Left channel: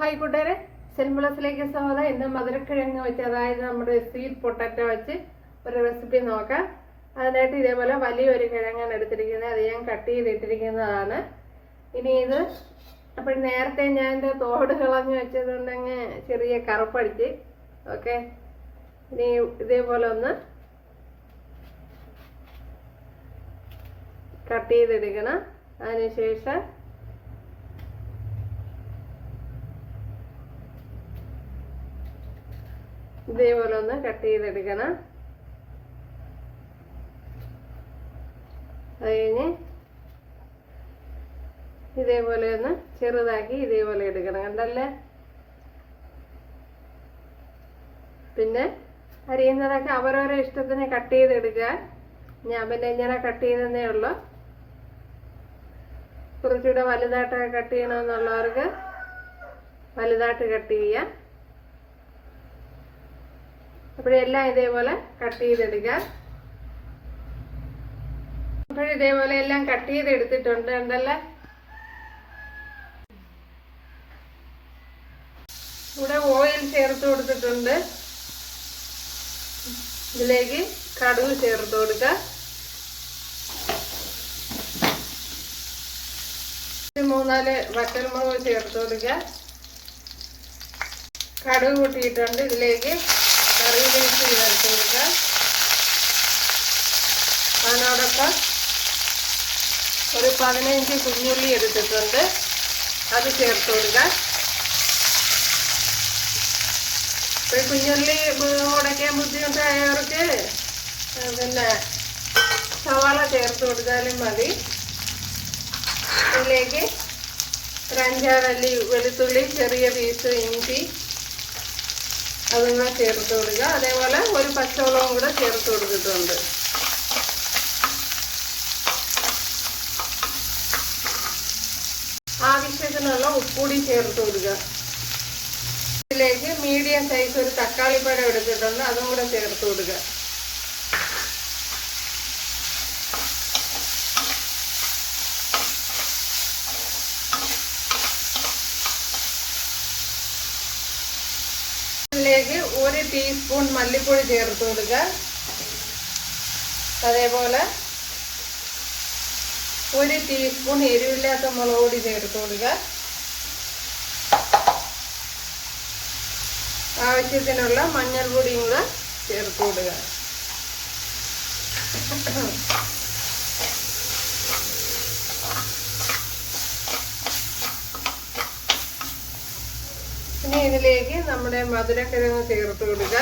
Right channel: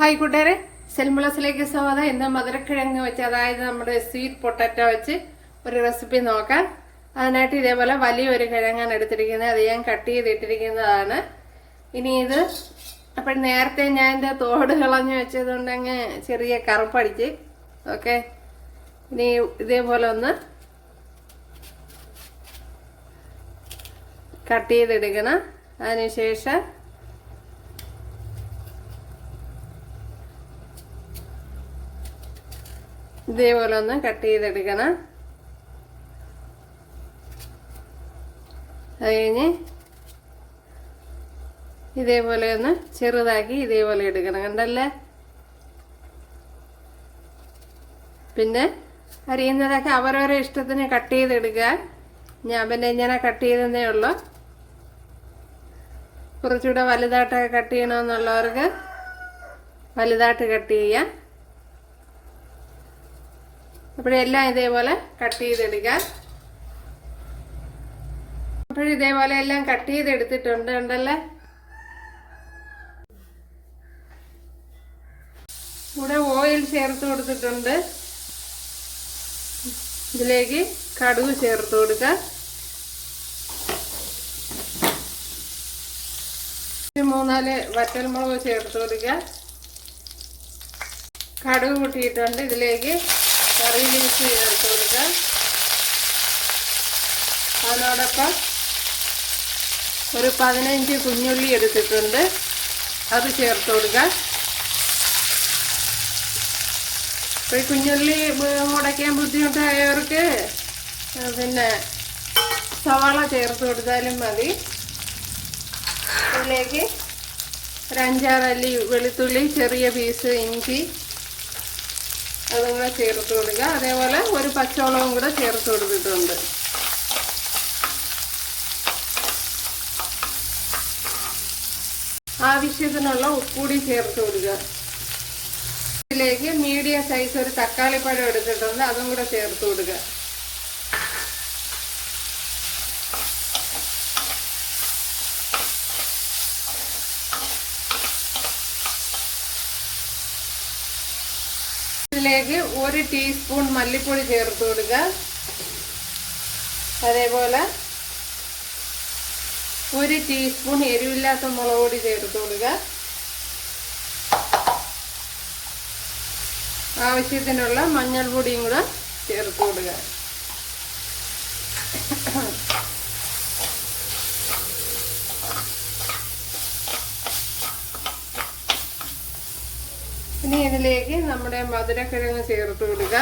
Hi കൂട്ടുകാരെ, സെൽമുളസിലേക്ക് സ്വാഗതം. ഇന്ന് മധുരക്കിഴങ്ങ് വെച്ച്, അതായത് നമ്മുടെ സ്വീറ്റ് പൊട്ടാറ്റോ വെച്ച് ഒരു റെസിപ്പി നോക്കാം. അതിനായിട്ട് ഇതേപോലെ വലിയൊരു കിഴങ്ങാണ് എടുത്തിരിക്കുന്നത്. അത് ഞാൻ കട്ട് ചെയ്തിട്ടിരിക്കുന്നതാണ്. ഇനി ഇത് നേരത്തെ ഞാൻ എൻ്റെ തോട് കളഞ്ഞ് വെച്ചതുകൊണ്ട് അങ്ങ് ചെറിയ കറുപ്പടിച്ച്. ഓക്കെ, ഇനി ഇതേപോലെ ഒന്ന് കട്ട് ചെയ്തെടുക്കണം. അതിനുശേഷം ഇതേപോലെ ഒന്ന് കട്ട് ചെയ്തെടുക്കണം. അത് കഴിഞ്ഞ് ഇതേപോലെ ഒന്ന് ചെറുതാക്കി ഇതേപോലെ എടുക്കണം. കണ്ടല്ലേ? പിന്നെ അരിയുന്നതൊക്കെ അവരവരെ ഇഷ്ടത്തിന് കട്ട് ചെയ്തെടുക്കുക. ഞാൻ പിന്നെ ഇങ്ങനെ കട്ട് ചെയ്തതേ ഉള്ളൂ. കുറച്ചുകൂടെ വലുതായിട്ടൊക്കെ കട്ട് ചെയ്യണമെന്നുള്ളവർക്ക് വലുതായിട്ട് കട്ട് ചെയ്യാം. അപ്പോഴെല്ലാം ഇതേപോലെ കട്ട് ചെയ്തെടുക്കുക. അപ്പോഴിതേപോലെ എല്ലാം കട്ട് ചെയ്തെടുത്തിട്ടുണ്ട്. ഉണ്ടല്ലേ? ഇവിടെ ഓയിൽ ചേർത്ത് കൊടുത്തിട്ടുണ്ട്. ഇതിലേക്ക് കടുക് ചേർത്ത് കൊടുക്കുക. 3-4 വറ്റൽമുളക് ചേർത്ത് കൊടുക്കുക. കടുക് കൂട്ടിയിട്ടുണ്ട്. ഇതിലേക്ക് കറി ലീഫ് ചേർത്ത് കൊടുക്കുക. അതിനോടൊപ്പം ഒരു 15 കുഞ്ഞുള്ളി എടുത്തിട്ടുണ്ട്. അത് ചേർത്ത് കൊടുക്കുക. ഇപ്പോൾ കുഞ്ഞുള്ളി ഉടയ്ക്കാൻ ബുദ്ധിമുട്ടായവർക്ക് പിന്നെ സവാള ചേർത്ത് കൊടുത്താലും മതി. ഇതിലേക്ക് ഒരു 5-6 അല്ലി വെളുത്തുള്ളി, ചെറിയ പീസ് ഇഞ്ചി അതൊന്ന് ചേർത്ത് കൊടുക്കുക. അതേപോലെ ഒരു പച്ചമുളകും കൂടെ ചേർത്ത് കൊടുത്തിട്ടുണ്ട്. ആവശ്യത്തിനുള്ള ഉപ്പുകൂടി ചേർത്ത് കൊടുക്കുക. ഇതിലേക്ക് മീഡിയം സൈസ് ഒരു തക്കാളിപ്പഴം എടുത്തിട്ടുണ്ട്. അതും കൂടെ ചേർത്ത് കൊടുക്കുക. ഇതിലേക്ക് 1 ടീസ്പൂൺ മല്ലിപ്പൊടി ചേർത്ത് കൊടുക്കുക. അതേപോലെ 1 ടീസ്പൂൺ എരിവില്ലാത്ത മുളക് പൊടി ചേർത്ത് കൊടുക്കുക. ആവശ്യത്തിനുള്ള മഞ്ഞൾപ്പൊടിയും കൂടെ ചേർത്ത് കൊടുക്കുക. ഇനി ഇതിലേക്ക് നമ്മുടെ മധുരക്കിഴങ്ങ് ചേർത്ത് കൊടുക്കുക.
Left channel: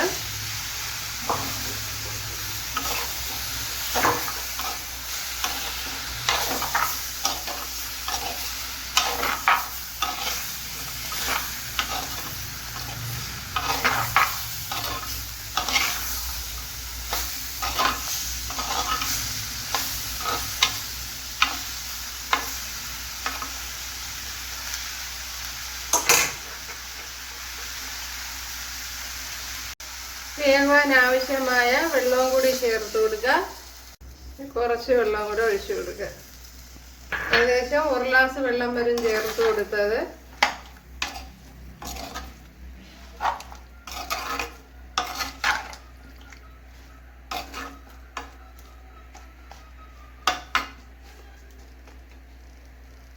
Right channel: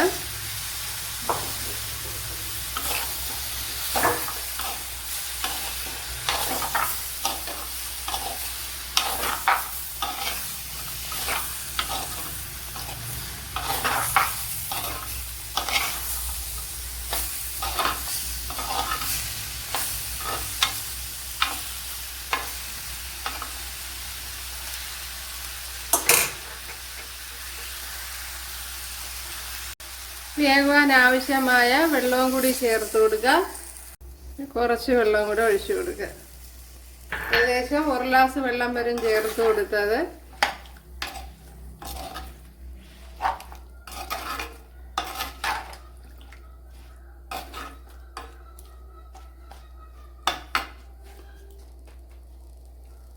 വേവാൻ ആവശ്യമായ വെള്ളവും കൂടി ചേർത്ത് കൊടുക്കുക. കുറച്ച് വെള്ളം കൂടെ ഒഴിച്ചു കൊടുക്കുക. ഏകദേശം 1 ഗ്ലാസ് വെള്ളം വരും ചേർത്ത് കൊടുത്തത്.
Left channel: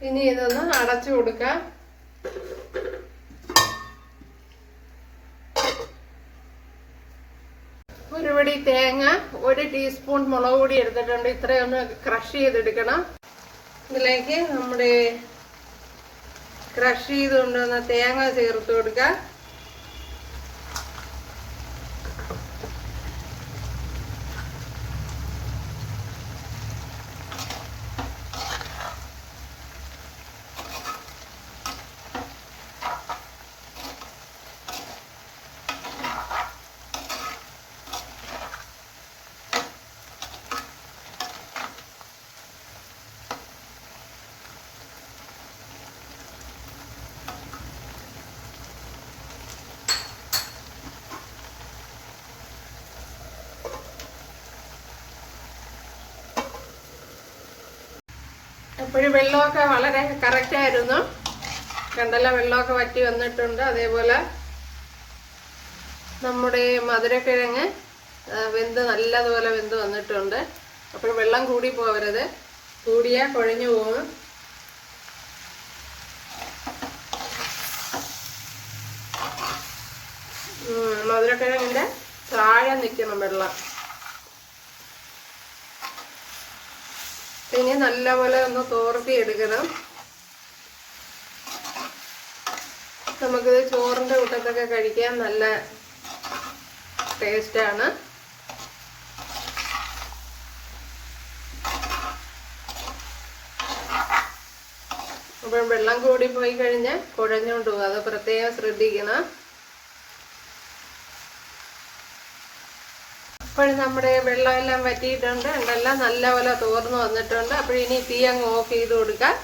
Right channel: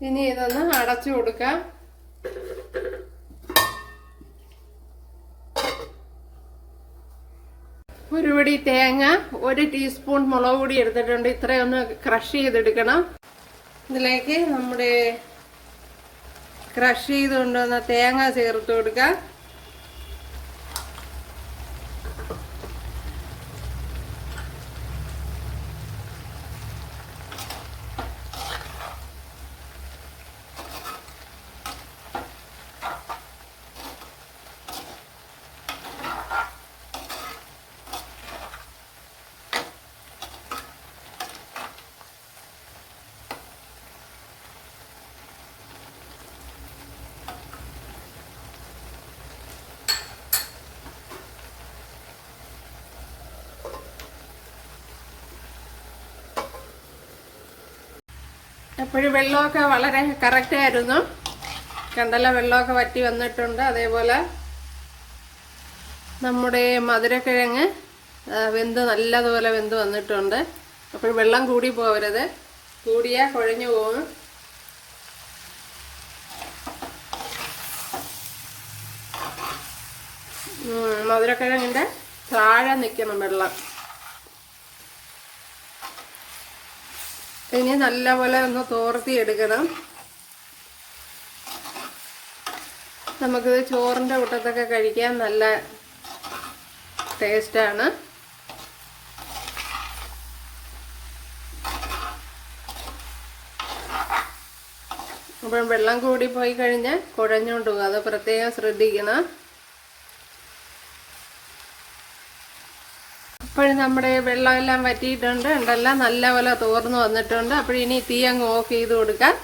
ഇനി ഇതൊന്ന് അടച്ചു കൊടുക്കാം. ഒരു പിടി തേങ്ങ, 1 ടീസ്പൂൺ മുളക് പൊടി എടുത്തിട്ടുണ്ട്. ഇത്രയൊന്ന് ക്രഷ് ചെയ്തെടുക്കണം. ഇതിലേക്ക് നമ്മുടെ ക്രഷ് ചെയ്ത് കൊണ്ടുവന്ന തേങ്ങ ചേർത്ത് കൊടുക്കുക. അപ്പോഴും വെള്ളമൊക്കെ വളരെ കറക്റ്റായിരുന്നു. കണ്ടല്ല വെള്ളമൊക്കെ വറ്റി വന്നിട്ടുണ്ട്. അതേപോലെ നമ്മുടെ മധുരക്കിഴങ്ങ് നല്ലതുപോലെ വെന്ത് വന്നിട്ടുണ്ട്. അപ്പോൾ വെള്ളം കൂടി പോകരുത്, കൂടിയാൽ കുഴഞ്ഞു പോകും. മധുരക്കിഴങ്ങിൻ്റെ താഴെ നിൽക്കണം വെള്ളം. ഇനി നല്ലപോലെ ഒന്ന് തോർത്തി എടുക്കണം. നമുക്കിത് ചോറിൻ്റെ കൂട്ടത്തൊക്കെ കഴിക്കാൻ നല്ല ടേസ്റ്റാണ്. അപ്പോൾ വെള്ളം കൂടി പോയി കഴിഞ്ഞാൽ കുഴഞ്ഞുകൊണ്ട് പോകും, അത് പ്രത്യേകം ശ്രദ്ധിക്കണം. അപ്പോൾ നമ്മുടെ വെള്ളമെല്ലാം വറ്റിയിട്ടുണ്ട്, ഉണ്ടെല്ലാം നല്ലപോലെ തോർന്ന് വന്നിട്ടുണ്ട്. അപ്പോൾ ഇനി തീ അങ്ങ് ഓഫ് ചെയ്ത് കൊടുക്കാം.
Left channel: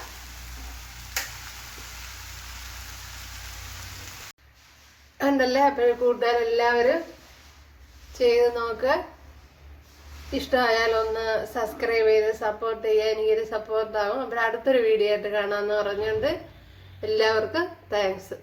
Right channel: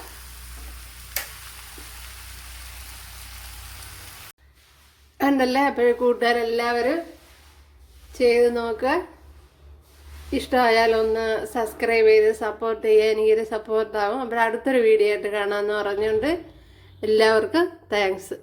ഉണ്ടല്ലേ, അപ്പോൾ കൂട്ടുകാരെല്ലാവരും ചെയ്ത് നോക്കുക. ഇഷ്ടമായാലൊന്ന് സബ്സ്ക്രൈബ് ചെയ്ത് സപ്പോർട്ട് ചെയ്യുക, എനിക്കൊരു സപ്പോർട്ടാവും. അപ്പോൾ അടുത്തൊരു വീഡിയോ ആയിട്ട് കാണാമെന്ന് പറഞ്ഞുകൊണ്ട് എല്ലാവർക്കും താങ്ക്സ്.